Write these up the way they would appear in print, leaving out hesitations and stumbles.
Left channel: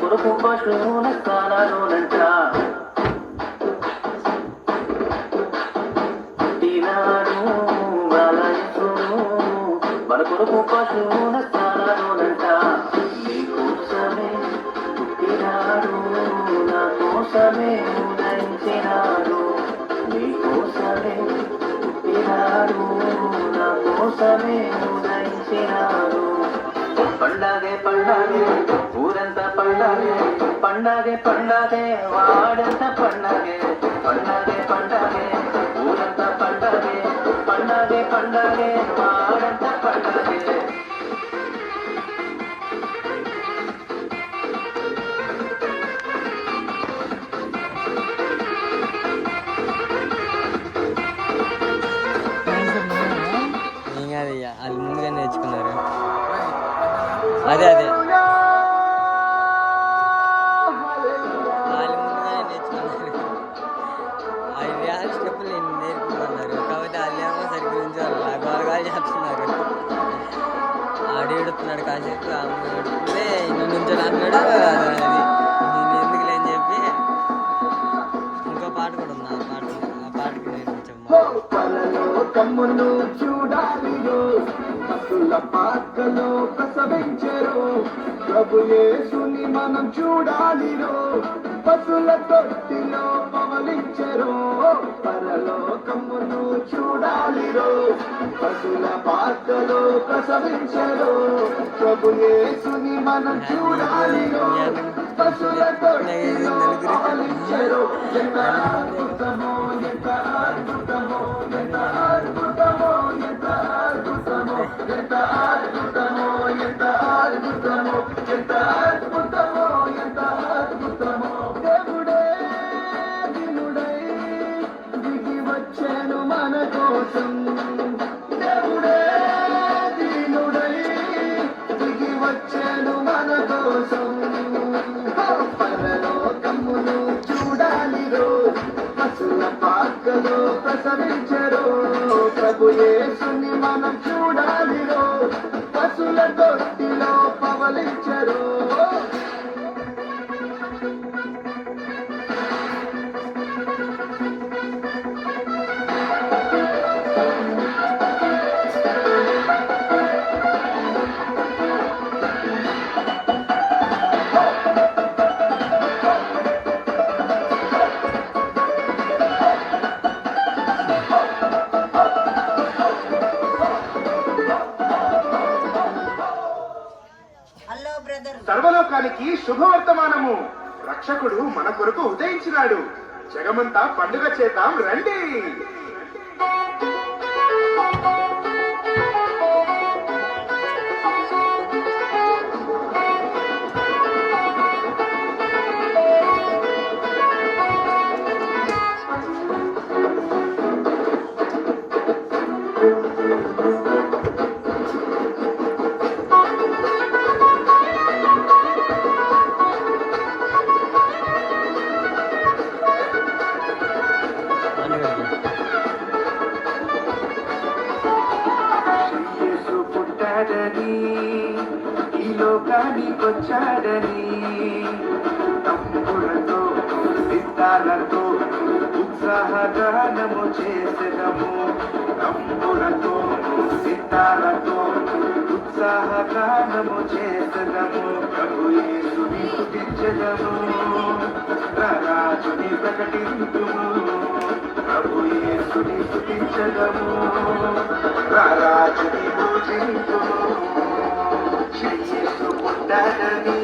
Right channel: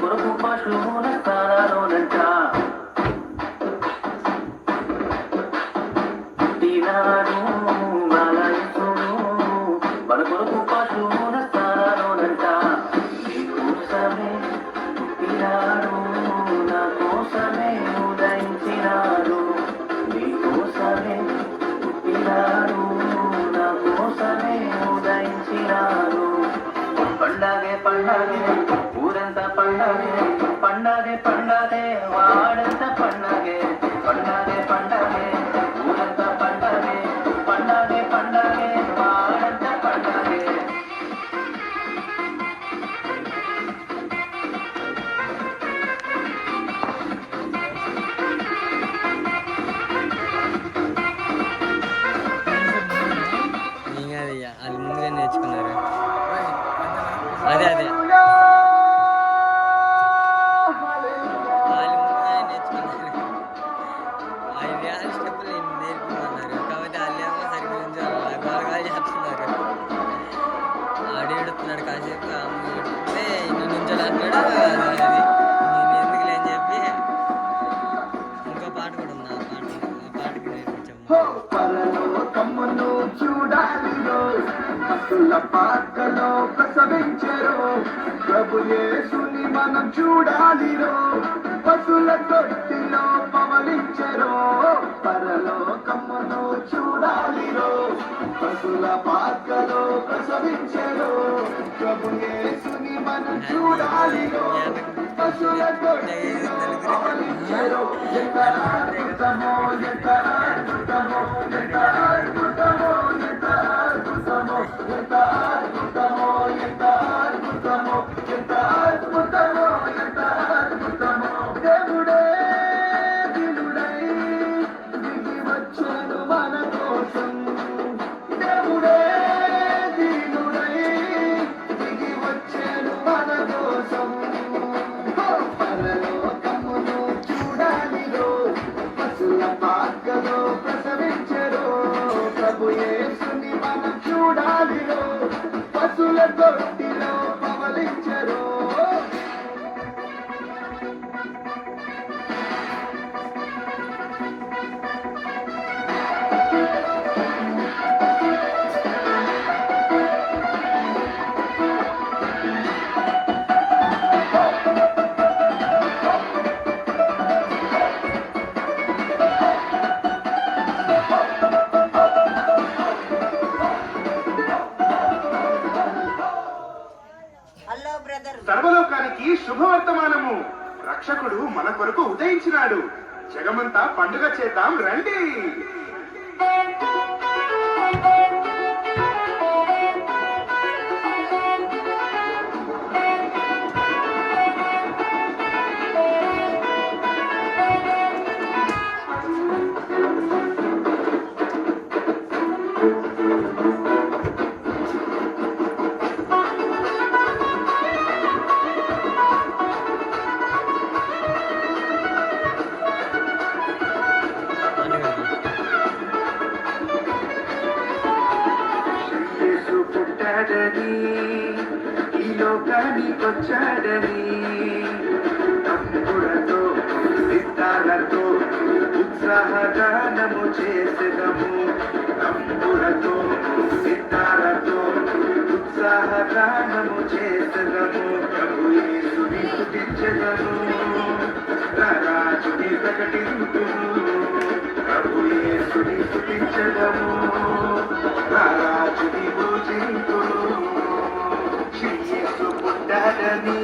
కొరకు పశువుల స్థానాలోనంట ఈనాడు బాలసుడు మన కొరకు పశువుల స్థానాలోనంట నీకోసమే పుట్టినాడు నా కోసమే ఉదయించినాడు నీకోసమే పుట్టినాడు నా కోసమే ఉదయించినాడు పండగే పండగే ఊరంతా పండగే పండగే పండగే వాడంతా పండగే పండగే పండగే ఊరంతా పండగే పండగే పండగే వాడంతా పండగే అది ముందుగా నేర్చుకున్నారు. అదే అదే వాళ్ళు ముందుగా నేర్చుకున్నారు. ఆ స్టెప్పులు నేర్పుకున్నారు కాబట్టి వాళ్ళేమో సరిగ్గా బాగా చెప్తున్నారు. ఆడే చెప్తున్నాడు కాసేపు అమ్మే నుంచి అన్నాడు. అది నేను ఎందుకు లేని చెప్పి ఇంకో పాట కూడా ఉంది. ఆ పాటకు తమ్మును చూడాలిరో పశుల పాకలో ప్రసవించెరో ప్రభు యేసుని మనం చూడాలిరో పశుల తొట్టిలో పవలించెరో పరలోకమును చూడాలిరో పశుల పాకలో ప్రసవించెరో ప్రభు యేసుని మనం చూడాలిరో పశుల తొట్టిలో పవలించెరో ఎంత అద్భుతమో ఎంత అద్భుతమో ఎంత అద్భుతమో ఎంత అద్భుతమో ఎంత అద్భుతమో ఎంత అద్భుతమో ఎంత అద్భుతమో ఎంత అద్భుతమో దేవుడే దినుడై దిగి వచ్చాను మన కోసం దేవుడే దినుడై దిగి వచ్చాను మన కోసం పరలోకమును చూడాలిరో పశుల పాకలో ప్రసవించెరో ప్రభు యేసుని మనం చూడాలిరో పశుల తొట్టిలో పవలించెరో సర్వలోకానికి శుభవర్తమానము. రక్షకుడు మన కొరకు ఉదయించినాడు. జగమంతా పండుగ చేద్దాం రండి. ఈ లోకానికొచ్చాడని తమ్ములతో సిద్ధాలతో ఉత్సాహగానము చేసెదము. తమ్ములతో సిద్ధాలతో ఉత్సాహగానము చేసెదము. ప్రభు యేసుని స్తుతించెదము. రాజుని ప్రకటింతుము. ప్రభు యేసుని స్తుతించెదము. రాజుని పూజింతుము. పుట్టాడని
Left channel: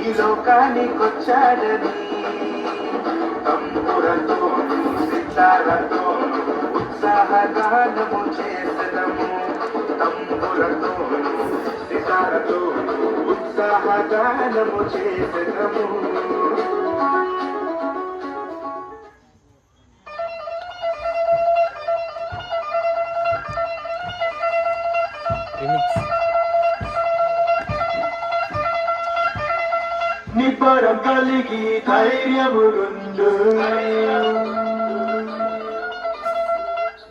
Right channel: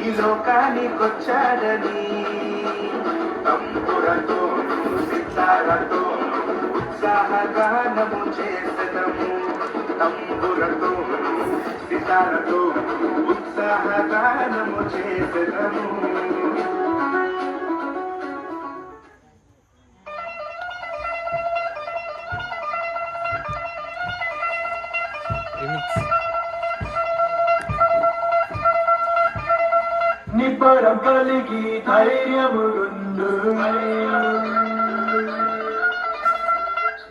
ఈ లోకానికొచ్చాడని తమ్ములతో సిద్ధాలతో ఉత్సాహగానము చేసెదము. తమ్ములతో సిద్ధాలతో ఉత్సాహగానము చేసెదము. నిబ్బరం కలిగి ధైర్యముండు,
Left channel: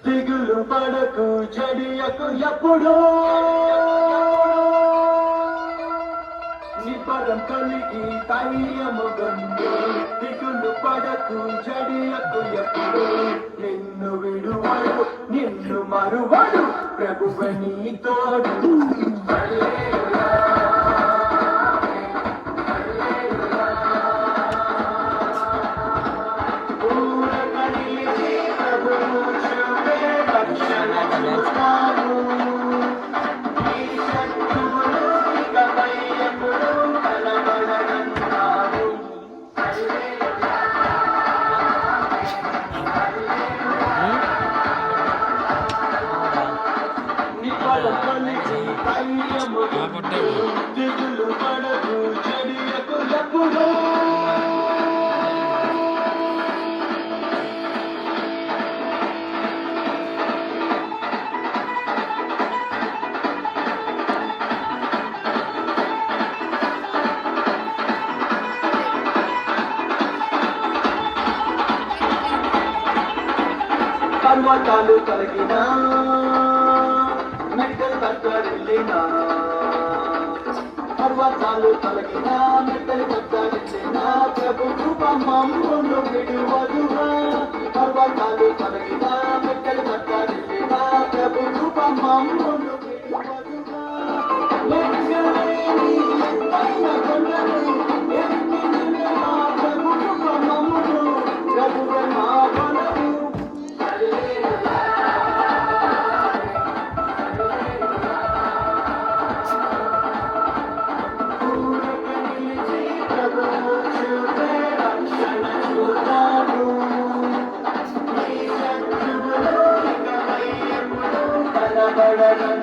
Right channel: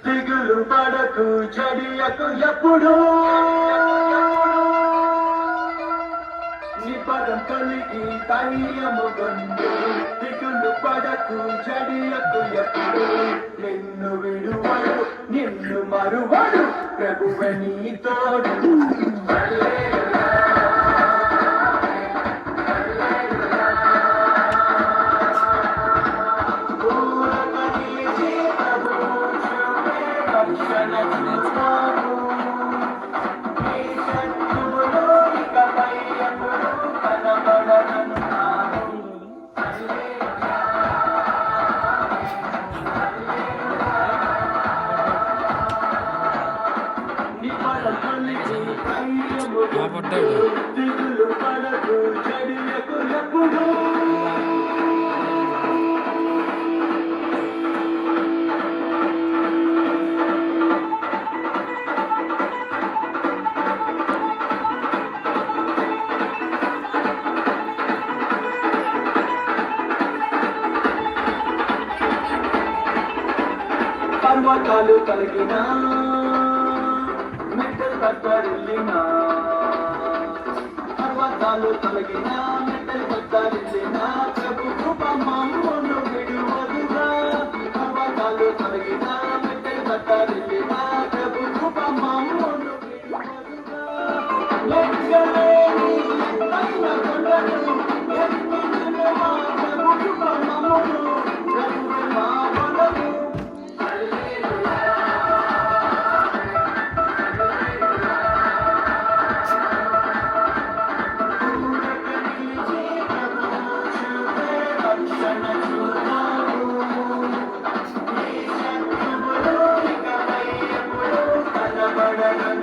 దిగులు పడకు జడియకు ఎప్పుడు. పదం కలిగి ధైర్యము గొందు దిగులు పడకు జడియకు ఎప్పుడు నిన్ను విడువడు నిన్ను మరువడు ప్రభువే నీ తోడు పట్టాడు పర్వతాలు కలిగినా మెట్టలు కట్టరిల్లినా పర్వతాలు కలిగినా మెట్టలు కట్టరిల్లినా ప్రభు కృపమమ్మును విడువదుగా పర్వతాలు కలిగినా మెట్టలు కట్టరిల్లినా ప్రభు కృపమమ్మును విడువదుగా లెక్కలేని ఎత్తైన కొండలు ఎక్కిన మా ప్రభు కృపమమ్మును ప్రభువే మా బలము బడగ